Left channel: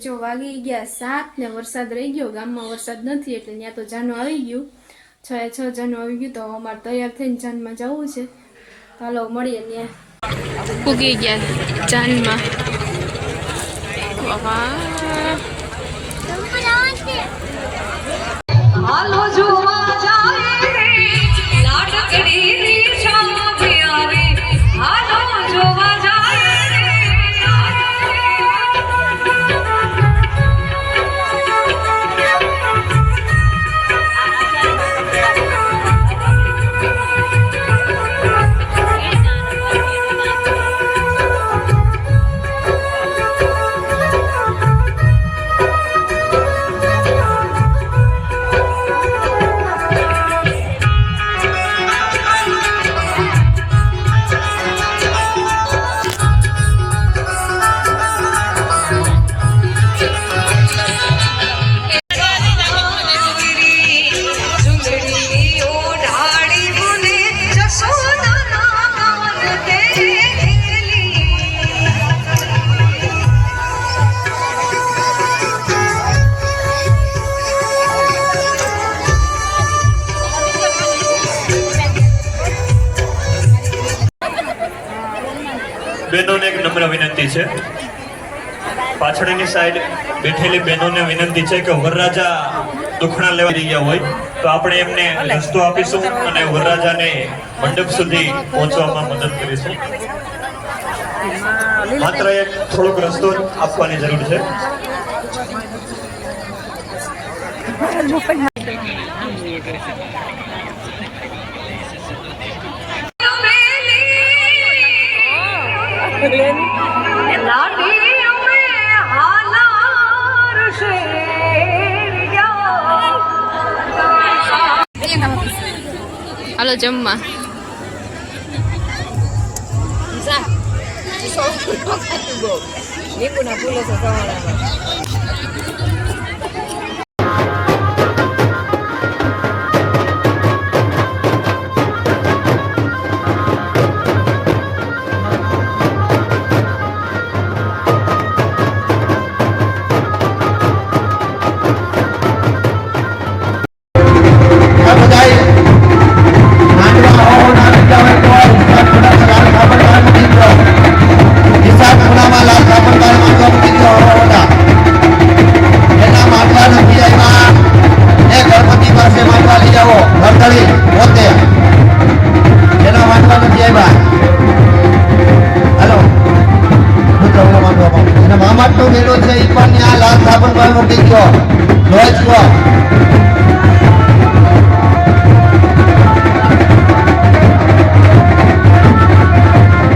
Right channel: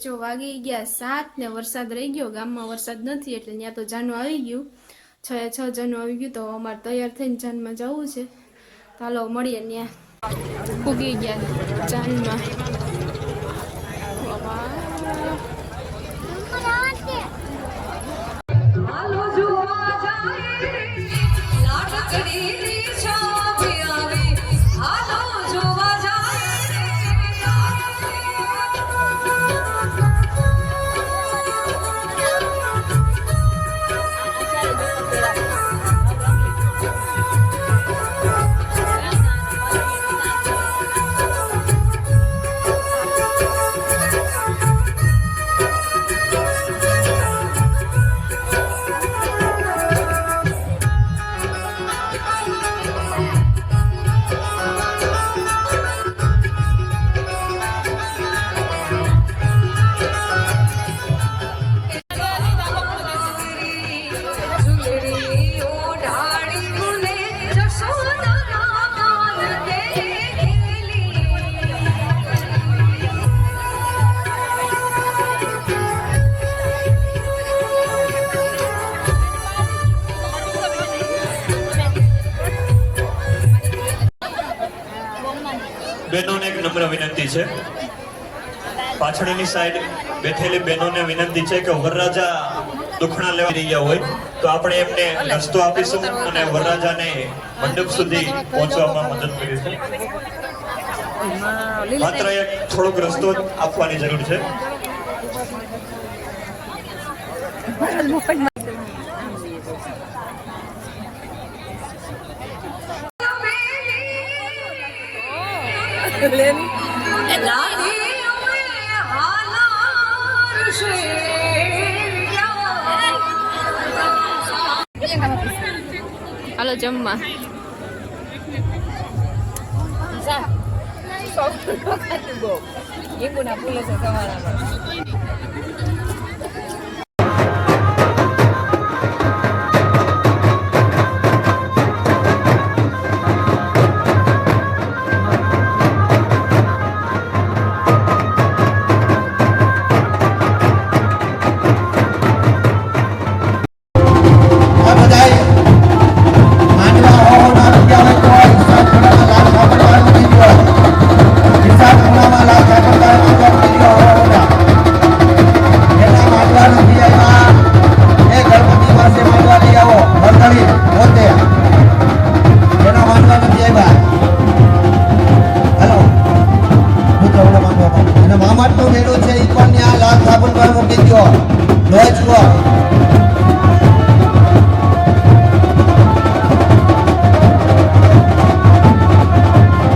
જો વાગી ગયા સાત ને વરસાદ રહી ગયો, ગામમાં વરસાદ નથી એટલે ત્યાં તો જાનું આવી ગયું. છ એ છ જાનું આવી ગયું તો અમારે તૈયાર થઈને જાનમાં જવું છે. હાલો, મળીએ ત્યાં. ઉગી ગયા જાનમાં. પાછળની સાઈડ બેઠેલી બહેનોને વિનંતી છે કે વરરાજા દુખણા લેવા રહ્યા હોય, તો આપણે એમને રસ્તો આપીશું અને વરરાજાને મંડપ સુધી પહોંચવામાં મદદ કરીશું. માત્ર એક થોડોક રસ્તો આપવાની જરૂર છે. અમે હાલાર શેરિયા હાલો જમવા. લીંબુના ફૂલો છે સાબરદાર મૂકી. ધ્વજ કહો.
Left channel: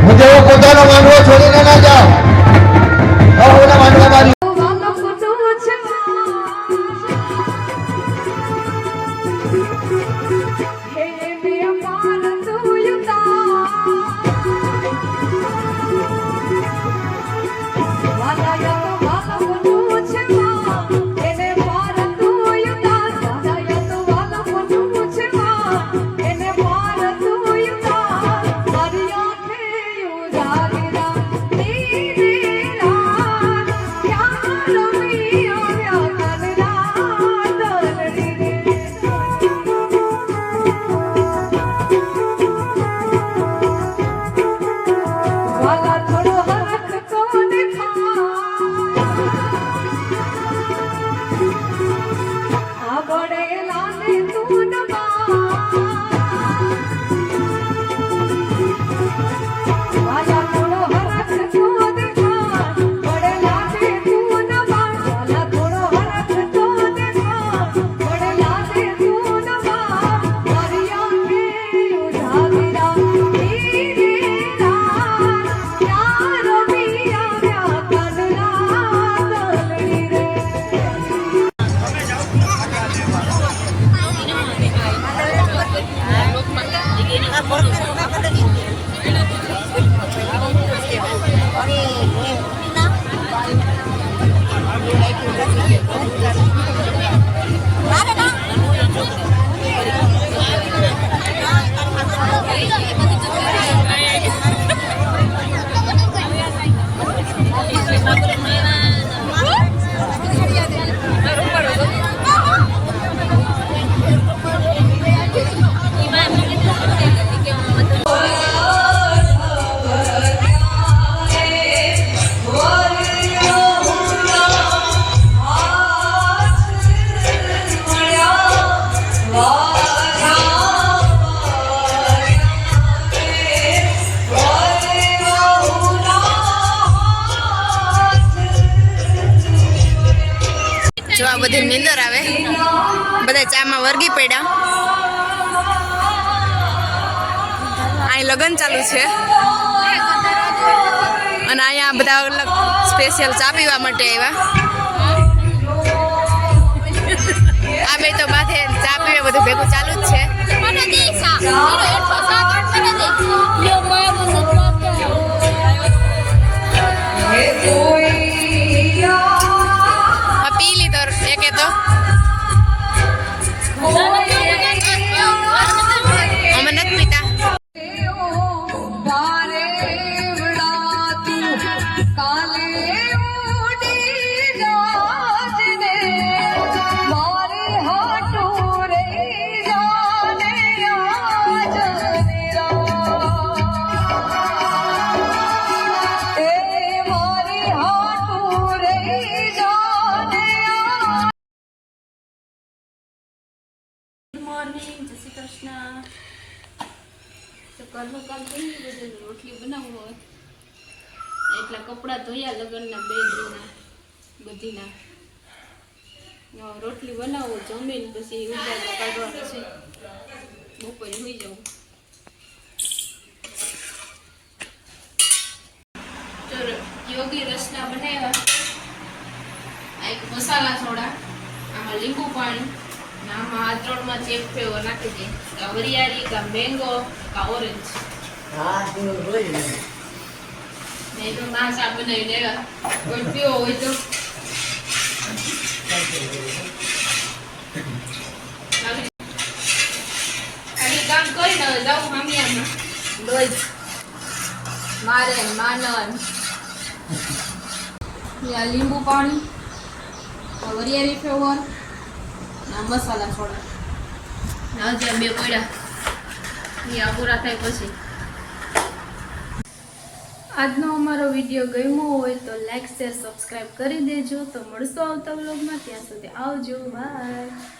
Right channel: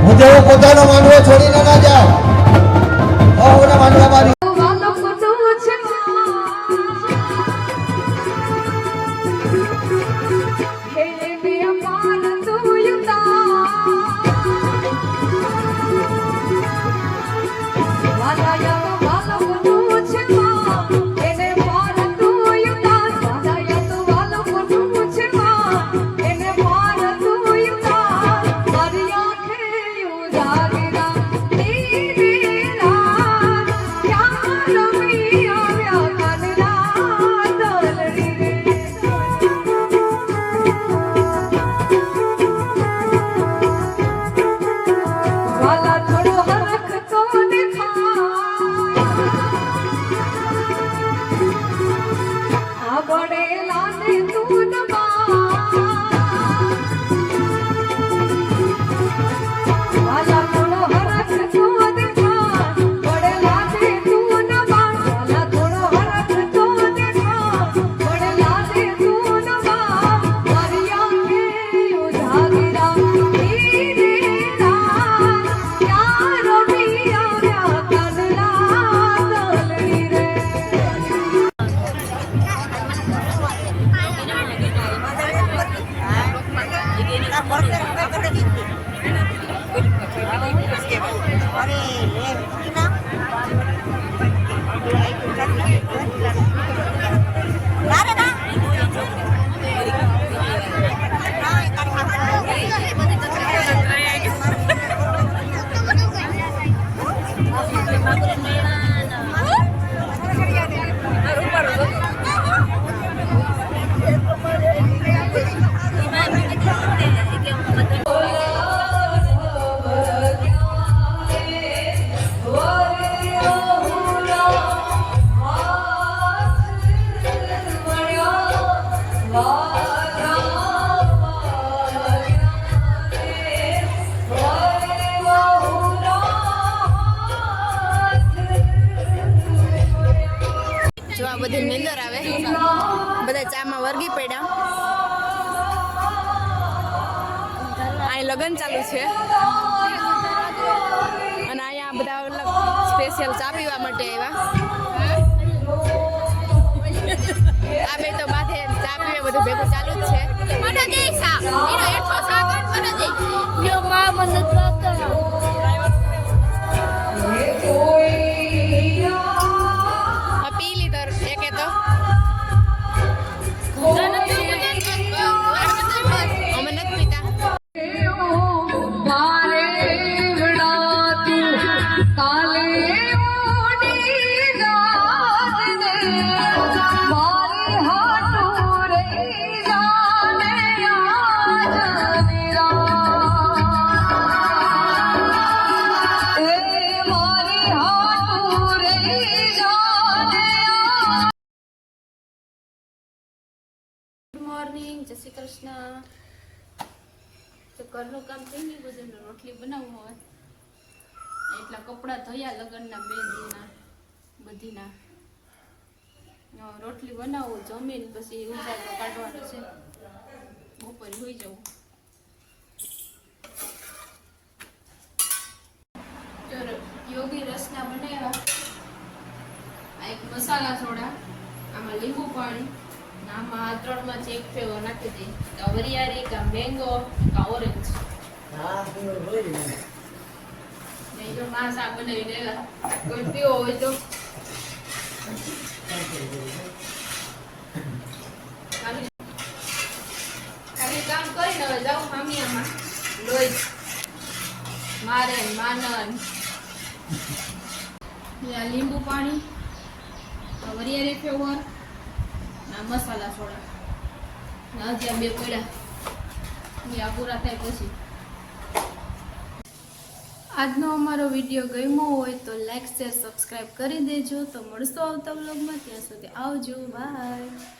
હું જેવો પોતાનો માંડવો છોડીને ના જાઉં ઓલા માંડવા મારી ಲಾಲ અહીં લગ્ન ચાલુ છે. અને અહીંયા બધા અલગ સ્પેશિયલ ચા પીવા માટે આવ્યા. આ બે તો માથે ચા પીવે બધું ભેગું ચાલુ જ છે. કૃષ્ણ. કામ થઈ ગયું રોટલી બનાવવું એટલા કપડાં ધોયા લગ્નના બે દિનના બધીના. રોટલી બનાવો, જમીન પછી ઉજાગરા કાઢવાનું છે બપોરે હોઈ જવું તો યોગી રસના બનાવ્યા આ એક મસાલા સોડા આમાં લીંબુ પાણી અને આમાં આ ત્રણમાંથી એક ફ્લેવર નાખી કા વરિયાળી કા મેંગો કા ઓરેન્જ હા હું રોજ આ બનાવી લેવા કોઈ પીવો હોય તો કામ કરીને હવે જાઉં મામિયામાં રોજ મારે માનન લીંબુ પાણી વરિયાળી ફ્લેવર મસાલા સોડા ને બે પડ્યા. એ પૂરા થાય પછી. આજનો અમારો વીડિયો ગમ્યો હોય તો લાઈક, શેર સબસ્ક્રાઈબ કરી દેજો. તો મળશું આવતા વ્લોગમાં. ત્યાં સુધી આવજો. બાય.